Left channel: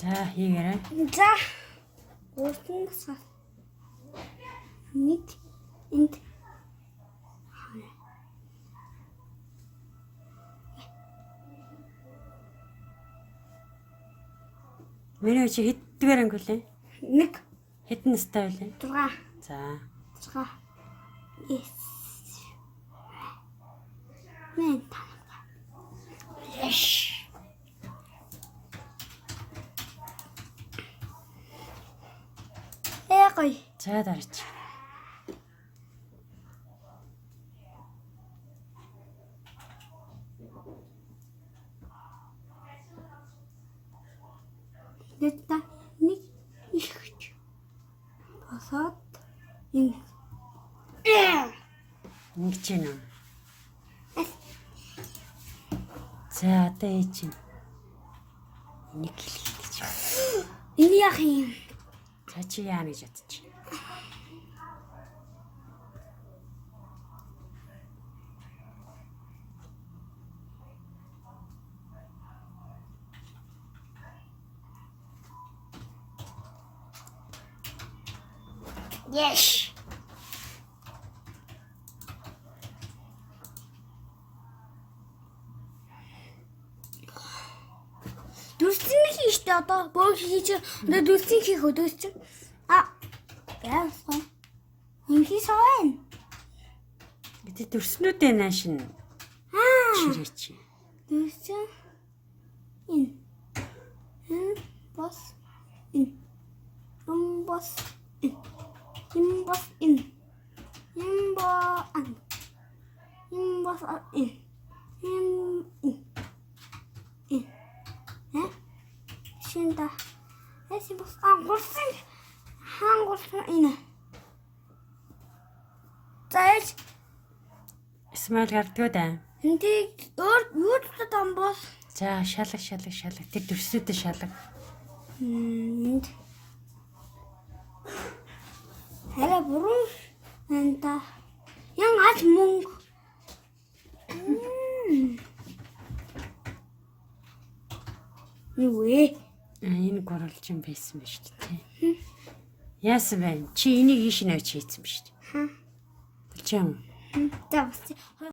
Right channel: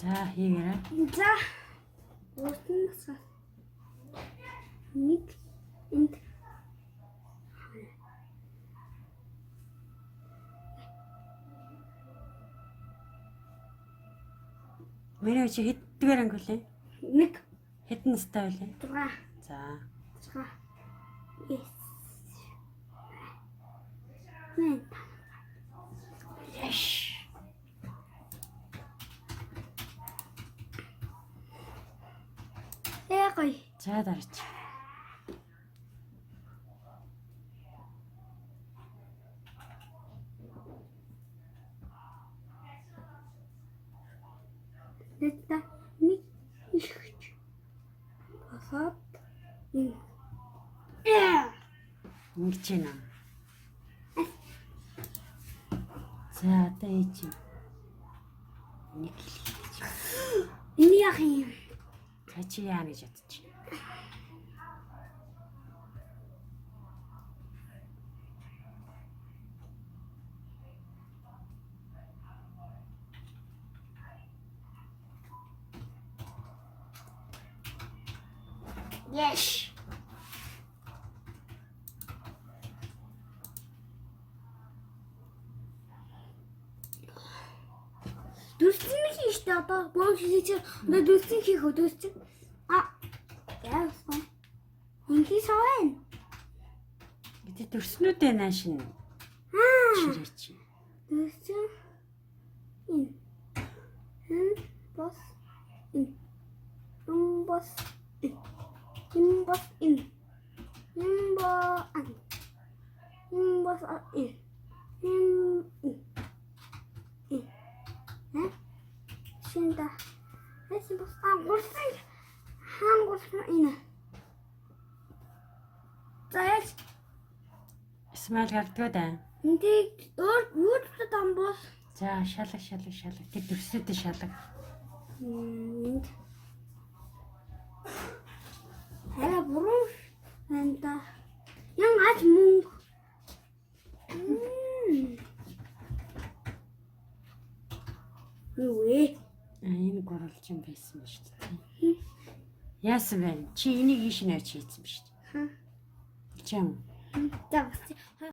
За хийгээрэй. За. Уутнаас нэг энд Миний чи хэддгээр анги үлээ? нэг Хэдэн настай үлээ? 6 За. 6 Yes. Мен та. Яш. Эгой. За дараач. Нэта нэг ихч. Босоод ин. Ингэж байна. За одоо ээж юм. Нэг хэлхий гэж. Энэ яах юм? За чи яа гэж ядчих. Yes. Дүрцэн хийх штэ одоо боо хийж одоо дүрцэн хийх үү дүрцэн. Яасан. Инхий савэн. Бид төрснүүдээ наашин. Чирээч. Дүрцэн. Ин. Бос. Ин. Бос. Ин. Бос. Ин. Бос. Бос. Ин. Шинда. Эсэ бос амгурсан. Хангурсан ин. Заяч. Смал гардгуу да. Эндийг юу тутам бос. За шалах. Тэр төрснүүдээ шалах. Энд. Хара буруу. Энта. Ян ач мөнгө. Юу вэ? Энэ гурвалж юм байсан ба шүү дээ. Яасан бэ? Чи энийг ийш нэж хийсэн ба шүү дээ. Болчих юм. За бас